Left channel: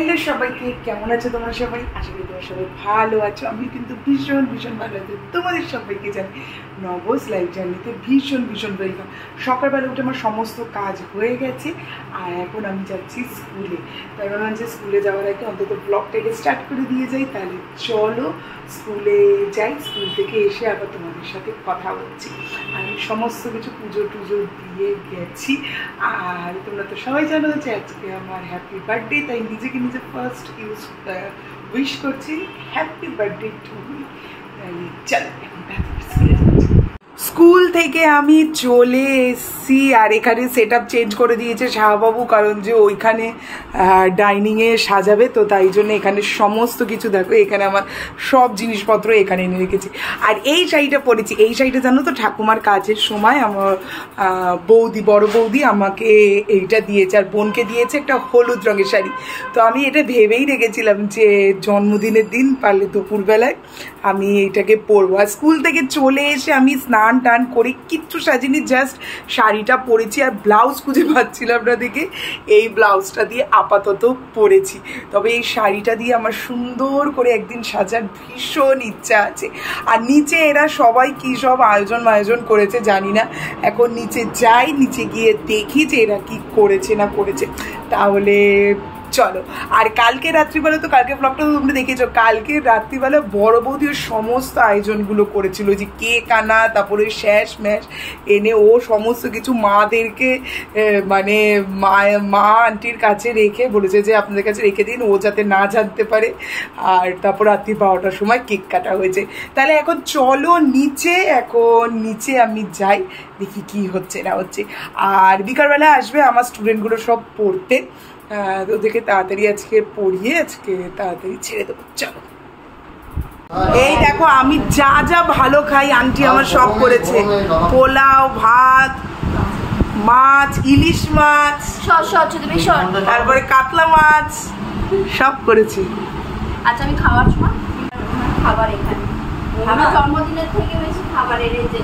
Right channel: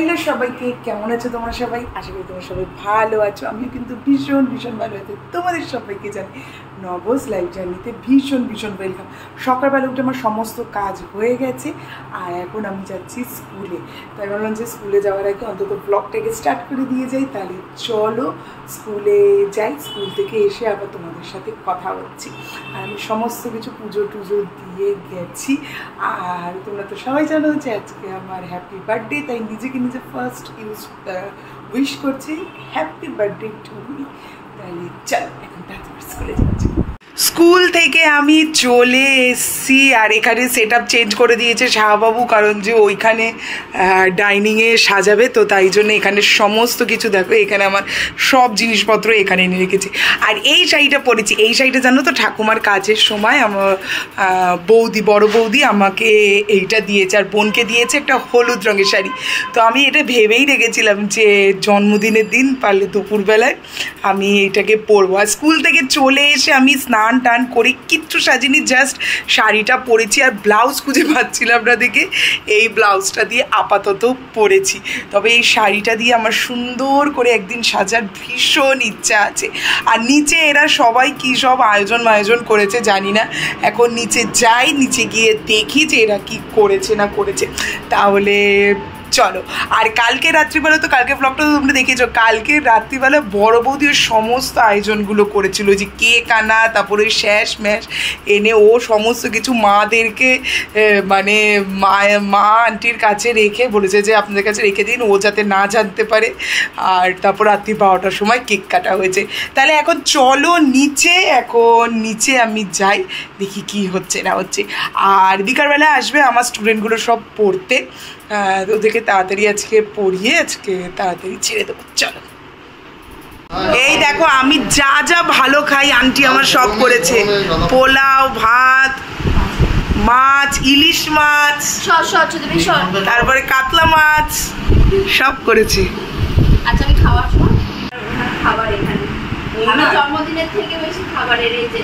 Hello সবাইকে, কেমন আছো তোমরা সবাই? আশা করি তোমরা সবাই ভালো আছো। আমি কিন্তু ভীষণ ভীষণ ভালো আছি। তোমাদের সবাইকে জানি নবস লাইফ জার্নিতে ভীষণ ভীষণ ওয়েলকাম। সকালবেলা উঠে আমার সমস্ত কাজ হয়ে গেছে আর এখন আমি যাচ্ছি স্কুলে। তাই ভাবলাম যে স্কুলে যাওয়ার আগে অন্তত ব্লগটাকে স্টার্ট করে দিয়ে যাই। তাহলে চলো স্কুলে যাই, স্কুল থেকে এসে আবার তোমাদের সাথে কথা হচ্ছি। আর আমি সমস্ত কিছু পুজো টুজো দিয়ে গেছি। আর তোমরা তো সবাই জানো যে আজকে আমার হ্যাপি বার্থডে, তাই নিজেকে নিজে ফার্স্ট উইশ করছি হ্যাপি বার্থডে টু মি। তাহলে চলো এখন তাড়াতাড়ি স্কুলে যাচ্ছি। স্কুল থেকে আমি চলে এসেছি আর এখানে সেট আপ চেঞ্জ করে দিয়েছে শাহবাবু, কারণ যে ওইখানে ডাইনিংয়ে সাজাবে, তো তাই জন্য এখানে সমস্ত কিছু দেখো, এখানে আমার সব জিনিসপত্র এখানে এনে রেখেছি। আর এই শাড়িটা পরেছি, এই শাড়িটা জানো তো ঠাকুমার কাজের সময় আমার বৌদি, বড় বৌদি আমাকে এইটা দিয়েছে আর বোনকে দিয়েছে একটা হলুদ রঙের শাড়ি। তো আমি এটা ভেবেই রেখেছিলাম যে জন্মদিনের দিন পারলে দুপুরবেলায় আমি এইটাকে পরবো। আর স্কুল থেকে চলে এসে আমি স্নান টান করে কিচ্ছু সাজিনি, জাস্ট শাড়িটা পরেছি আর ব্লাউজ খুঁজে পাচ্ছিলাম না দেখে এই ব্লাউজটা দিয়ে আপাতত পরেছি। তবে এই শাড়িটা দিয়ে আমার সুন্দর করে একদিন সাজার ভীষণ ইচ্ছা আছে। আর নিচে এরা সবাই কী সব আয়োজন করেছে জানি না, এখন নিচে যাই, নিচে গিয়ে দেখি যে এরা কি করেছে না করেছে। তাহলে চলো। আর কালকে রাত্রিবেলা, তো কালকে ব্লগটা তো তোমরা দেখেছো, কালকে রাত্রিবেলা বড় বৌদির সমস্ত আয়োজনগুলো করেছিল, যে কেক আনা, তারপরে শ্যাস ম্যাশ এনে ও সমস্ত কিছু মাদেরকে মানে মা আন্টির কাছে রেখে বলেছে যে আপনাদের কাছে রেখে দিন, ও যাতে না জানতে পারে। আর তারপর রাত্রি 12টার সময় কেক কাটা হয়েছে। তাহলে এখন চলো নিচে, এখন নিচে আমি যাই, দেখি কি হচ্ছে না হচ্ছে। আর বিকালবেলা আসবে আমার স্টুডেন্টগুলো সব পড়তে, ওদেরকে তাড়াতাড়ি আজকে পড়িয়ে আজকে তাড়াতাড়ি ছেড়ে দেবো। চলো। এই দেখো আমি যা যা ভালো খাই আন্টি আমার সব করেছে, পোলাও, ভাত, মাছ, ইলিশ মাছ, তারপরে কাতলা মাছ সব করেছি। আচ্ছা আমি খাওয়ার সময় খাবার এখানে জন্মদিনের থেকে বেশি খাবারের এই যে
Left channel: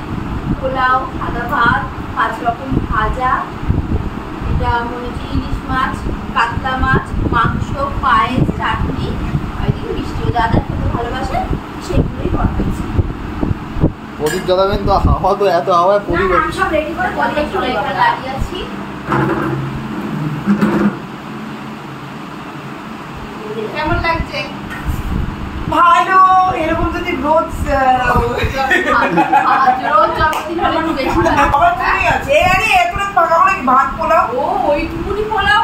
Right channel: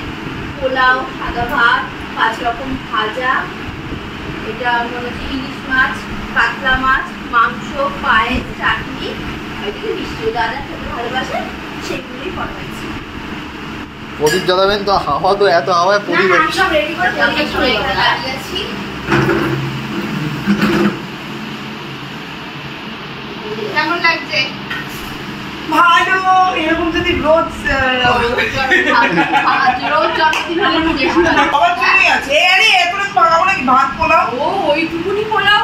পোলাও, সাদা ভাত, 5 রকম ভাজা, এটা মনে হচ্ছে ইলিশ মাছ, কাতলা মাছ, মাংস, পায়েস, চাটনি, ওইদিকে মিষ্টি দাদা খেতে ভালোবাসে সেগুলোই পাঠাচ্ছি। প্রদীপ জ্বালাবেন তো, হাওয়া তো এত হাওয়ায় প্রদীপ সব রেডি করে প্রদীপ চলে দাঁড়িয়ে আছি। কেমন লাগছে? ভালো। এরকম যদি রোজ জন্মদিন হলে একটু বেশি ভাত পোলাও, ও ওইটুকুনি পোলাও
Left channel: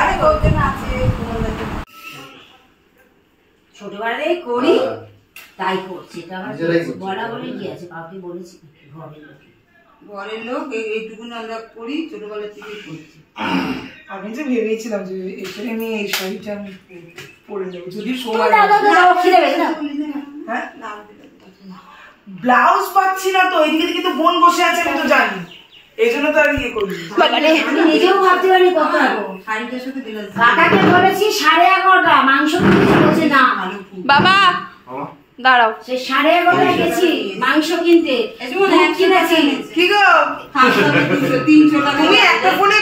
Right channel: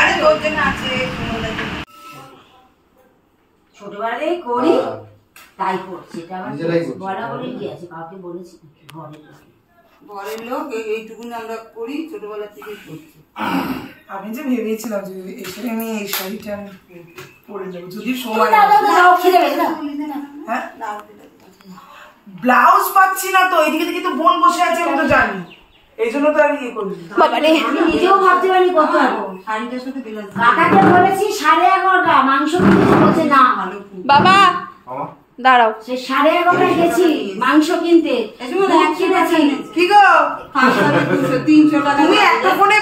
আরে তোর জন্য আছে। ছোটবেলায় করি তাই করছি, বলা বলে কি আছে, কাউকে বলেছি ঘরের লোক এইটুকুনি আমরা করি, ছোটবেলা থেকে করছি। আমি যে ভেবেছিলাম যে এসে আমি এই শাড়িটা আমি পরে যাবো যদি সময়। হ্যাঁ ব্লাউজ পাচ্ছি না তো, এদিকে দিকে তো বোন বসে আছে, আমি তো জানি, এই জন্য তো আর ইয়ে করি। আমি নিজেও ভাবতে পারি কত হবো। শাড়িটার সাথে কাকাকে বলেছি 11:30 মাংস কিনতে, বলছে না বাবা দাঁড়াও, সে 11:30 গেছি মাংস কিনতে, কিনেছি কি গো 300 টাকা তুমি একটা ফোনে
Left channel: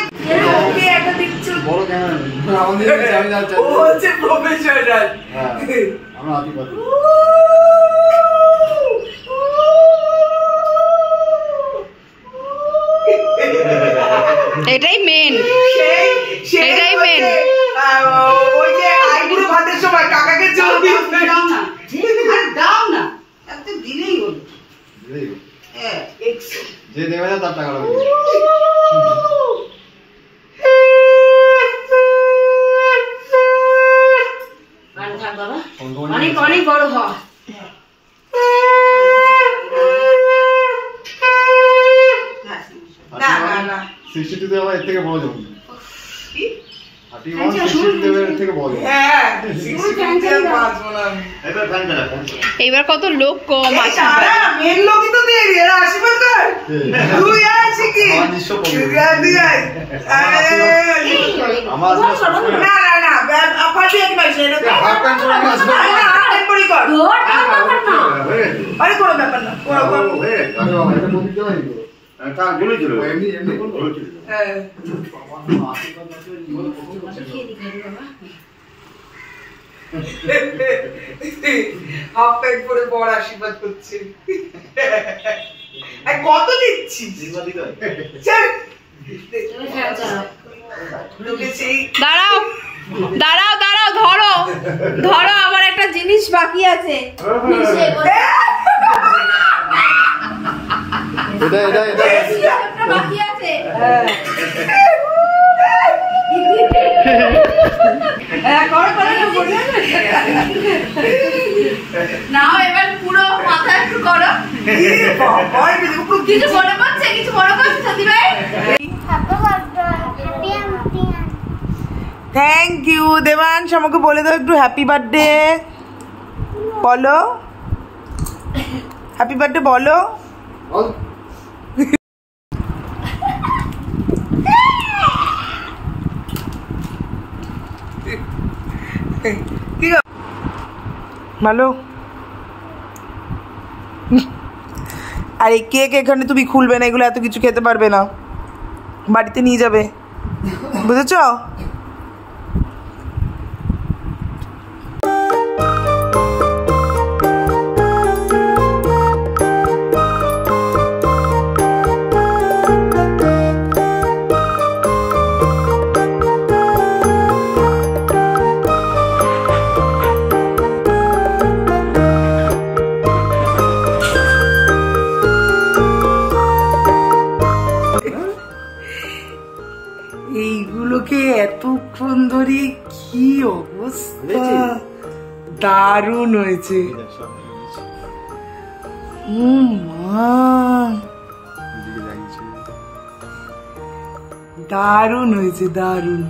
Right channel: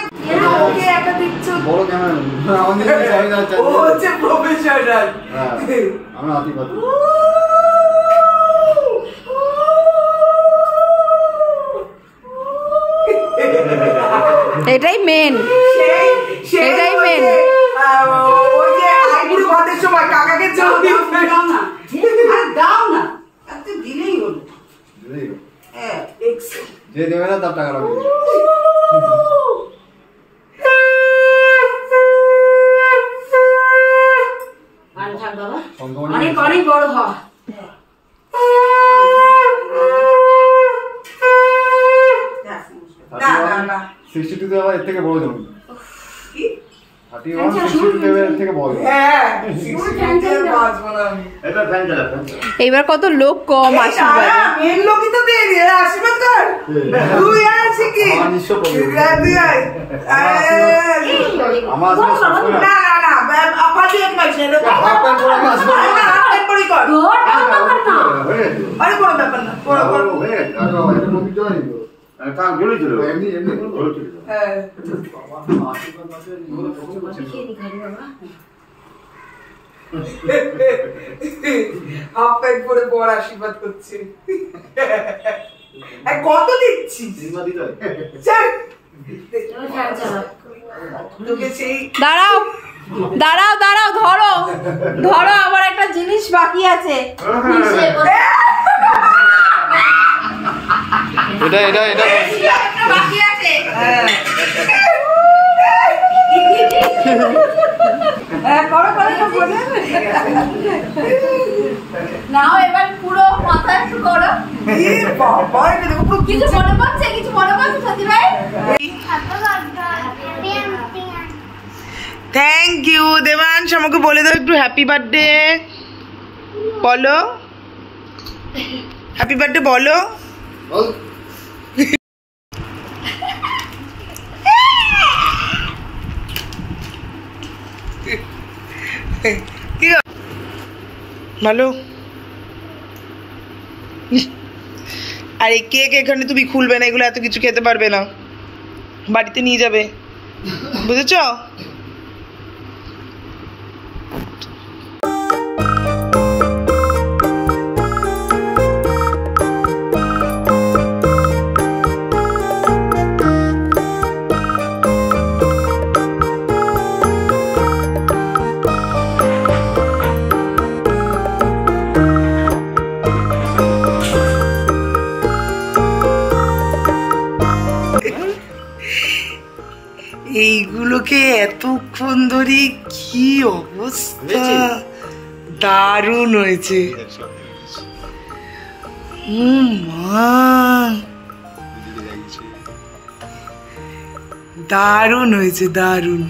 ওকে একটা দিচ্ছো, বড় ক্যামেরা আমাদের ও হচ্ছে প্রফেশনাল। আমরা আপনি কত এটাই মেন, এটাই মেন। ওই যে আইবুড়ো ভাতের সময় কাকাকে চল দিও, দাও না, দাও না, এত দিলেই হলো। হ্যাঁ যে দেবে না তার টাকা লাগবে। আর থাক বাবা, অনেক অনেক বড় হ। না না না 62 দেবে, এর থেকে বড় যাবে কি 31 62 দেবে, এর থেকে বড়। হ্যাঁ 62 বাজবো না আমি। এটা ফ্যান চালা। এইবার কত লোক কম আসবে, মেন লোকই তো দেরি, এরা আসবে কার? তুই আসি কি আমার নিশ্চয় প্রবলেম। তুই আয়। আমার না না না আপাতত এক মাস এলো তো হাফ করে আমি আসবো। টেম্পোরারি কর। তোর টাকা দরকার না। আরে কোনো ব্যাপার না, করো করো। আরে বাবা, এটা প্রদীপ জ্বালাই তো। হাফ প্যান্ট পরে বড় আশীর্বাদ করছে। কত দিচ্ছিস? দাঁড়াও দাঁড়াও দাঁড়াও, ধরো ধরো, আবার একটা জিনিস বাকি আছে। এটা এটা এটা বাকি আছে। নাও এবার পুরো মাথা একটু করো। কিছু মনে পড়ছে? কিছু মনে পড়ছে সত্যি ভাই? Thank you Debangsh. আমাকে বলে দাও একটু হ্যাপি বার্থডে বলো, হ্যাপি বার্থডে বলো। ভালো। আর এই কেক এখানে তুমি খুলবে না, এগুলো এত কিছু খেতে পারবে না, বাড়িতে নিয়ে যাবে, বুঝেছ? এইগুলোকে এতক্ষণ ধরে কি অবস্থা, দারুণ হয়েছে। মা দারুণ হয়েছে, দারুণ।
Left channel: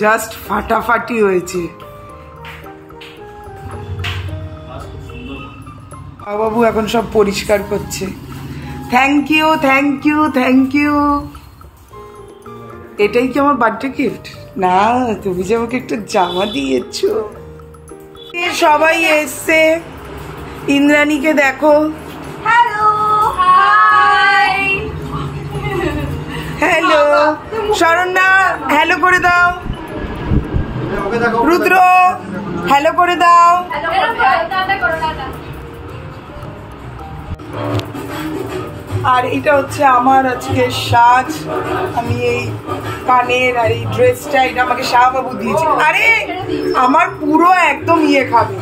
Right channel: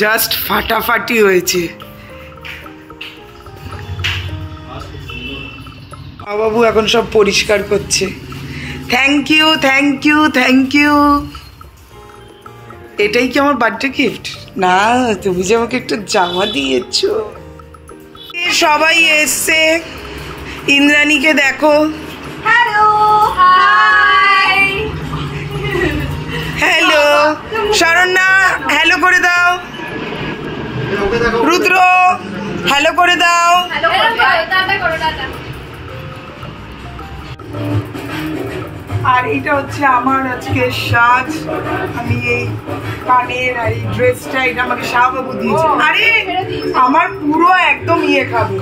জাস্ট ফাটাফাটি হয়েছে। বাবু এখন সব পরিষ্কার করছে। Thank you thank you thank you. এটাই কি আমার বার্থডে গিফট? না, তুমি যে আমাকে একটা জামা দিয়েছো। সবাই এসছে, ইন্দ্রাণীকে দেখো। Hello, hi. Hello Saranya, hello করে দাও। রুদ্র হ্যালো করে দাও। হ্যালো টাটা করো, টাটা। আর এটা হচ্ছে আমার আজকে সাজ। আমি এই কানের আর এই ড্রেসটা, এটা আমাকে শাহবাবু দিয়েছে। আরে আমার পুরো একদম ইয়ে খাবে।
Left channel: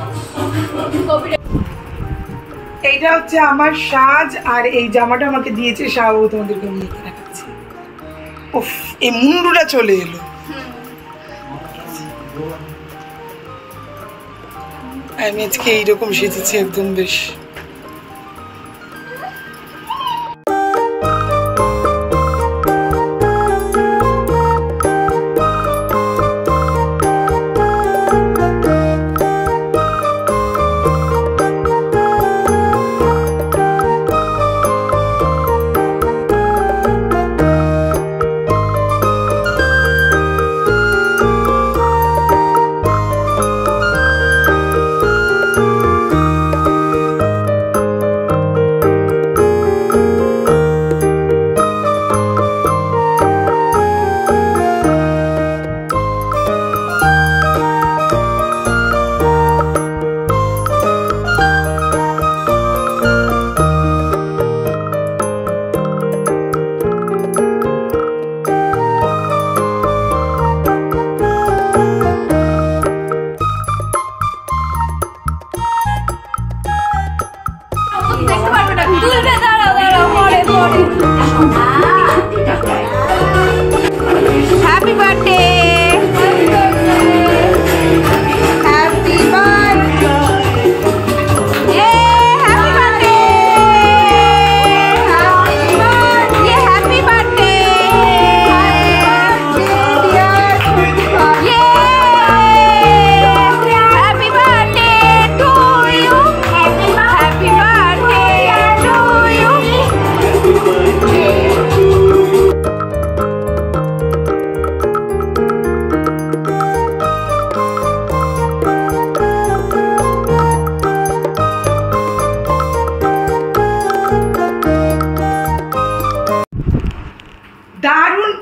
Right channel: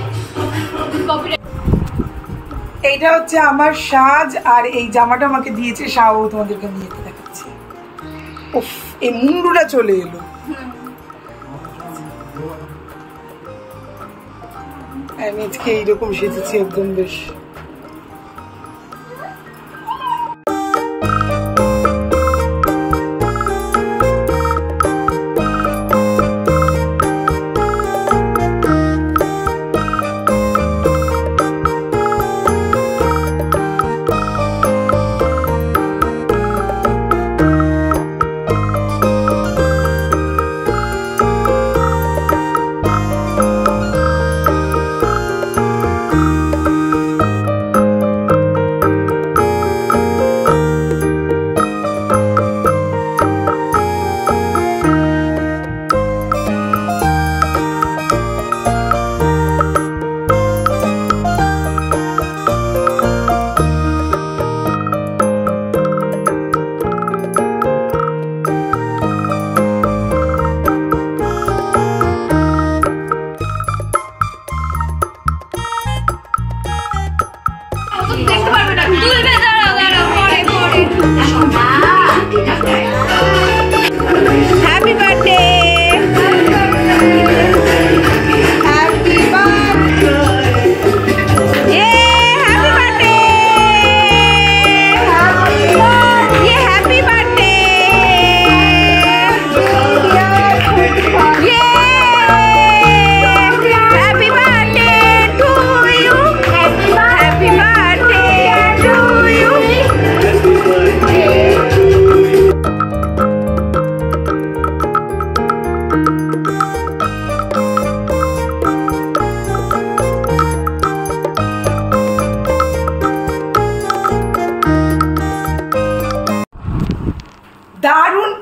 এইটা হচ্ছে আমার সাজ, আর এই জামাটা আমাকে দিয়েছে শাহবাবু। তোমাদেরকে আমি এটা দেখাচ্ছি। উফ, এই মুন্ডুটা চলে এলো। আমি আজকে এইরকম সেজেছি একদম বেশ।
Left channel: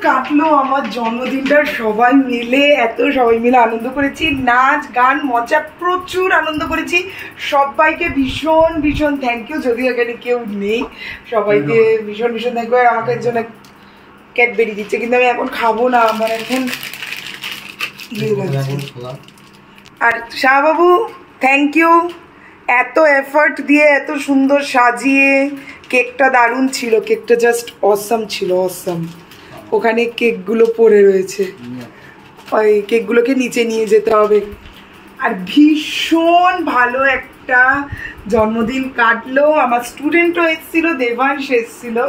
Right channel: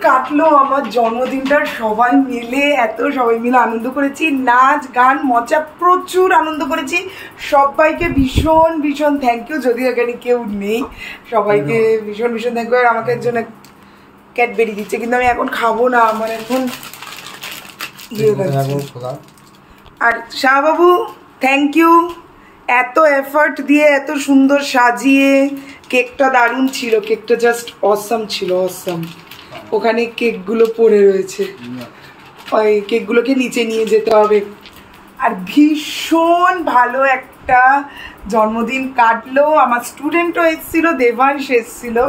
কাটলো আমার জন্মদিনটা সবাই মিলে আনন্দ করেছি, নাচ গান মজা প্রচুর আনন্দ করেছি। সবাইকে ভীষণ ভীষণ থ্যাংক ইউ, যদিও এখানে কেউ নেই। সবাইকে ভীষণ ভীষণ থ্যাংক ইউ। আমাকে একজন ক্যাডবেরি দিচ্ছে, কিন্তু আমি এখন খাবো না, আমার এখন ইয়ে লাগছে। আর শাহবাবু থ্যাংক ইউ, এত এফার্ট দিয়ে এত সুন্দর সাজিয়ে। কেকটা দারুণ ছিল, কেকটা জাস্ট অসাম ছিল, অসাম। ওখানে কেকগুলো পড়ে রয়েছে, ওই কেকগুলোকে নিচে নিয়ে যেতে হবে। আর ভীষণ ভালো একটা জন্মদিন কাটলো। আমার স্টুডেন্টও এসেছিলো, দেবাংশ এসেছিলো।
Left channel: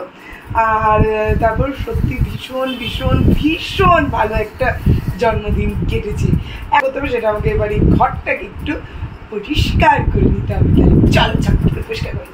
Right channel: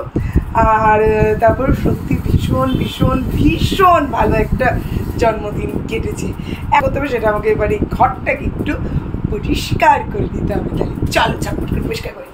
আর তারপর সত্যি ভীষণ ভীষণ ভীষণ ভালো একটা জন্মদিন কেটেছে। এখন তবে সেটা আমাকে এবার এই ঘরটাকে একটু পরিষ্কার করে নিতে হবে। তাহলে চলো ঝটপট করে পরিষ্কার করে।